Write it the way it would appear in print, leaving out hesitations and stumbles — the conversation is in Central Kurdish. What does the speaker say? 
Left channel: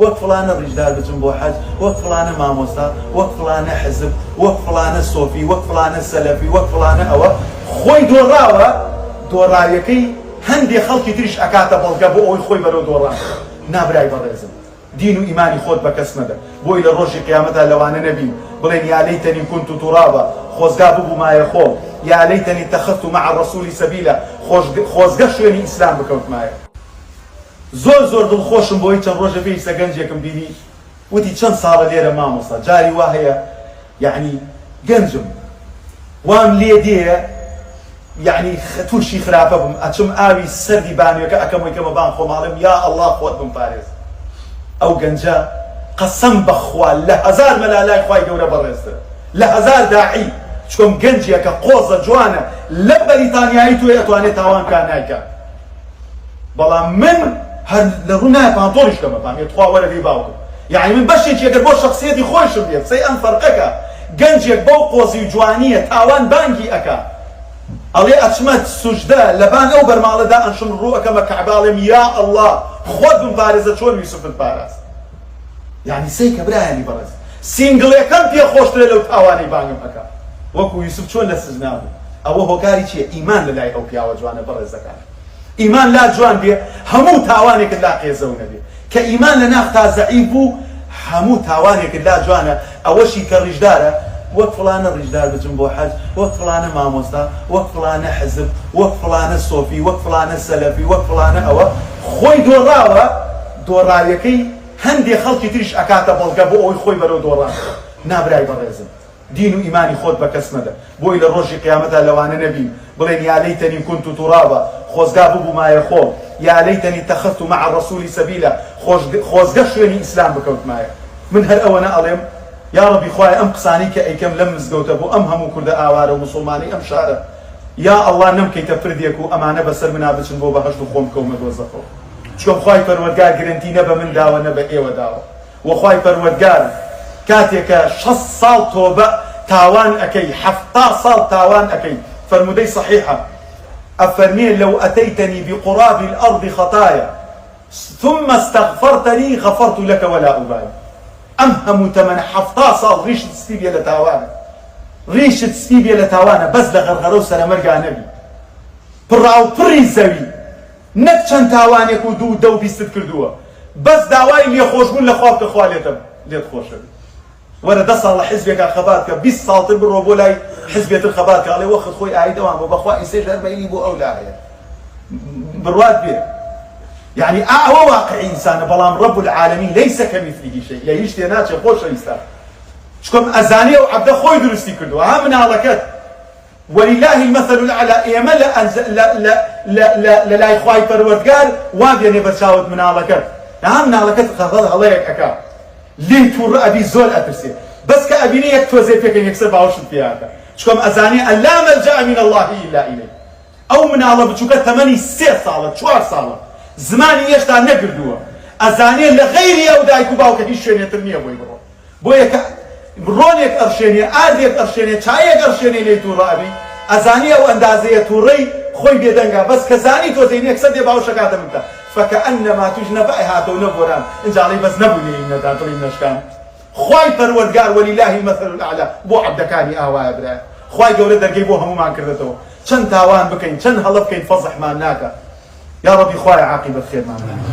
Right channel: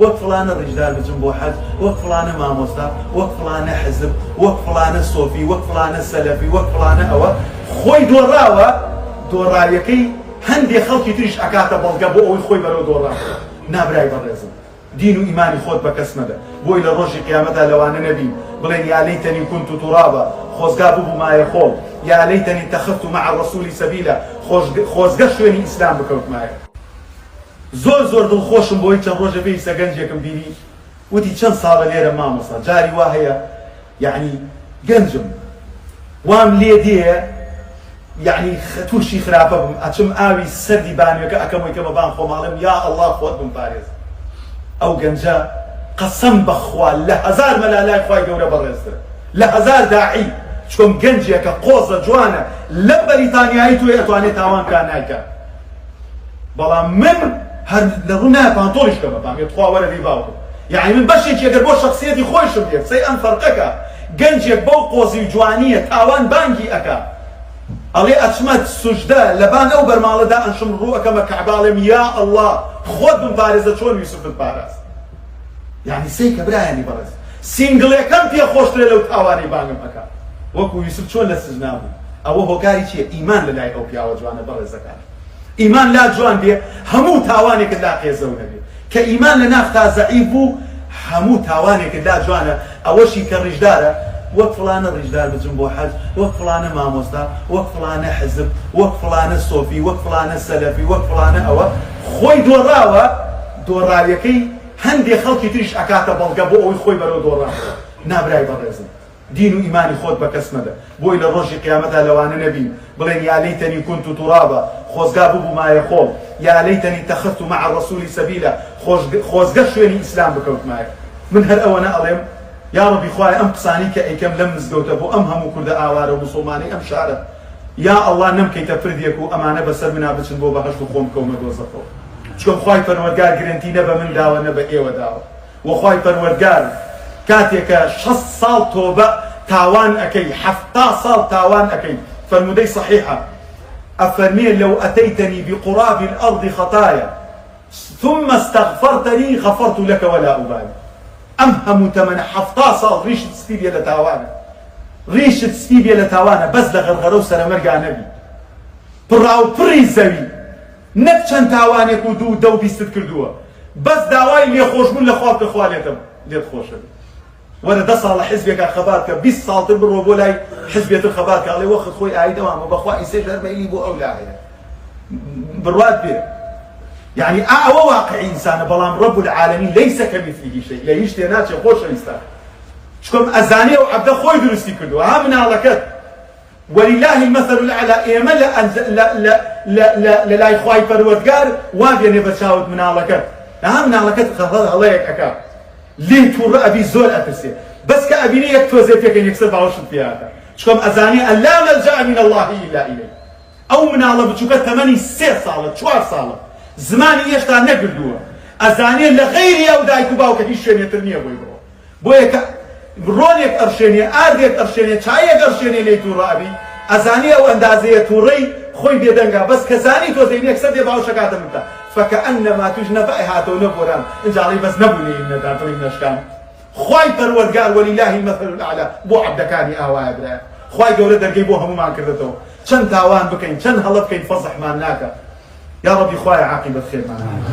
وەک فڵانە ڕیژدار بچم بۆ حەج، وەک فڵانە مامۆستا، وەک فڵانە حزب، وەک فڵانە سۆفی، وەک فڵانە سەلەفی، وەک فڵانە ئەوە خۆی دۆڕاوە. دۆڕایەکەی هەندێک خەڵکی تریش ئەکاتە بەڵگە بۆ ئەوەی خۆی بەرەو دۆڕا. نابرای بەڕێزم، دین و ئیمانی خۆت بە کەس مەدە، بۆی لە ڕۆژی قیامەتە لەوانە نەبین بڵێن یا لەیتەنی كنت ترابا، خۆزگا ببوو مایە خۆڵ، یا لەیتەنی اتەخەذت مع الرسول سەبیلا، خۆزگە شوێنی ئیسلام بکەوتمایە. زۆر دڵخۆشم بۆی چەند ڕۆژە پێویستە گەنجێکم بینی وتی چەند ساڵە لێرە مامۆستا، جاری وا هەیە یعنی گەنجم وام لێ دێ یعنی تووشی خراپە بم، ئەچم ئاوی سەردی بانوێکە ئەکەمەوەی کەمە بان خۆماڵم، یا ئەڵڵا خۆت بم پارێز. ئەو گەنجە قەسەم بەخوا لە هەزار مەلالای خوای گەورە بەڕێزترە، لە هەزار داعی، چۆن گەنجێکە قۆزە جوانە لە بەریتانیایی توێ ئەتوانێت تاوانکان نایکە. بەڵام من هەر لە ڕوو نایە پانتۆڵیش کەمە پامێت خوا وەرە دەی باوکم، یعنی من بەشێکی ئەگەر بۆ شەخسیەتی خۆشم بێت سەی ئەم فەرقەکە گەنجێک بەو قۆزی جوانیە تاوان بانگی ئەکا، ئەڵێ ئەچمەت سوژدە لەبان ئەو بەرماڵەدا ئەنشم ڕوو ئەەکەمە کەعباڵێم یا ئەڵڵا خۆت بم پارێزە چۆن یوسفت پاراست. یعنی سەی کە برایانی بەڕێز سینگڵێکەم پێ خۆشترێ لەو تاوانی بانگم ئەکا، وەکو یوسف چۆن لە سزنا بوو. ئەوە هۆکاری چییە؟ ئیمان لەلای ئەو پیاوە جوانە بەڕێزەکان. ئیمان لا جوان بێ هەموو تاوانێکت لا قێزەو نەبێ، کە ئیمان لە ناف تا زەعیف بوو هەموو تاوانێکت لا جوانە. ئەوەشی کە ڕیژدارە وەک فڵانە ڕیژدار بچم بۆ حەج، وەک فڵانە مامۆستا، وەک فڵانە حزب، وەک فڵانە سۆفی، وەک فڵانە سەلەفی، وەک فڵانە ئەوە خۆی دۆڕاوە. دۆڕایەکەی هەندێک خەڵکی تریش ئەکاتە بەڵگە بۆ ئەوەی خۆی بەرەو دۆڕا. نابرای بەڕێزم، دین و ئیمانی خۆت بە کەس مەدە، بۆی لە ڕۆژی قیامەتە لەوانە نەبین بڵێن یا لەیتەنی كنت ترابا، خۆزگا ببوو مایە خۆڵ، یا لەیتەنی اتەخەذت مع الرسول سەبیلا، خۆزگە شوێنی ئیسلام بکەوتمایە. من هەر ئەوەنە ئەڵێم یا ڕەبی خوایە ئەم قسانی کە ئەیکەم لەم مزگەوتە بۆ ئەم هەموو کوردە ئاوارە و مسڵمانی ئەم شارە، یا ئەڵڵا نەمکەیتە فردێک و ئەمانە بەسەر منا بچن بۆ بەهەشت و خۆم کەومە دۆزەخەوە. چۆن خوای پەروەردگار گرنتی نە بە من داوە نە بە ئێوە داوە، و خوای پەروەردگار کاتێکە 6 ساڵ تۆبە تاوان ئەەکەی 70 ساڵ تاوان ئەەکەی. فەرمودەی صحیحە ئەفەرمێ لەو ئەتەیتەنی بقراب الأرض خطايا ثم استغفرتني غفرت لك ولا أبالي. ئەم هەموو تەمەنە 70 ساڵ ڕیشت سپی بێ لە تاوانە، ڕیشت سپی بێ لە تاوانە، بەس لە غەرغەرە و سەرەمەرگا نەبی، پڕاوپڕی زەوی، نەک چەند تاوانێک و دوو دە و بیستت کردووە، بەس داوای لێخۆشبوون لە خوا بکە خوا لێت خۆشە بێت. وەرە 10 ساڵە حیزبێکە خەبات کە 20 ساڵتر بڕۆ بۆ لای حیزبێتر خەبات کە ئەڵێ وەخت خۆی ئایدەوان بۆ بەخوا ئیسێ ژەرمەیی بۆ ئەو لایە بڕوات بێ. يعني أعوى واقع إنسان بلام رب العالمين ليس كمثله شيء، لا يشتي ناتش خوش إنسان. شكم أزانية وعبد خوي درستي كله من على كت ولله المثل الأعلى. إيما لا لا لا لا لا لا لا إخوي پروردگار وابي نبتشاود من على كت. من على كت خذ عليك أكا لي تور أبي زول أترسي بس كأبيني يكتوزي فيك يكسب عوشت فيها. شكم أزانية لا ملجأ من الله إلا إليه. أو من على بتشوكت 8 ساعة 4 ساعة زمانی هێشتا نەگردووە، ئەزانێت لە غەیری ئەو دایک و باوکە هیچ شوێنێتر نییە بۆی بڕۆ، بۆیە کە ڕۆنێک ئەڕشێنێ، ئاردێک ئەڕشێنێ، چایەک ئەڕشێنێ لێی تووڕابی، ئەزانێ ئەو ئەندازەیە تووڕەی خۆی بێدەنگا، بەس کە زانی تۆ زەینێک سەدێ باوشەکاتە منتە فەکەئەنەما توش نەبعی هاتەوە نەبۆران ئینجاڵی بەس نەبوونێ نەداتڵی نەشکان. خوای پەروەردگار وەلیلله المەثل الأعلى بۆ عەبدەکانی ئاوایە برایە. خوای گەورە دەرگەی بۆ هەمومان کردێتەوە، چەند تاوان بکەین، چەند هەڵە بکەین فەزحمان ناکە. يا ربي خوايا عاقبة خير معنا.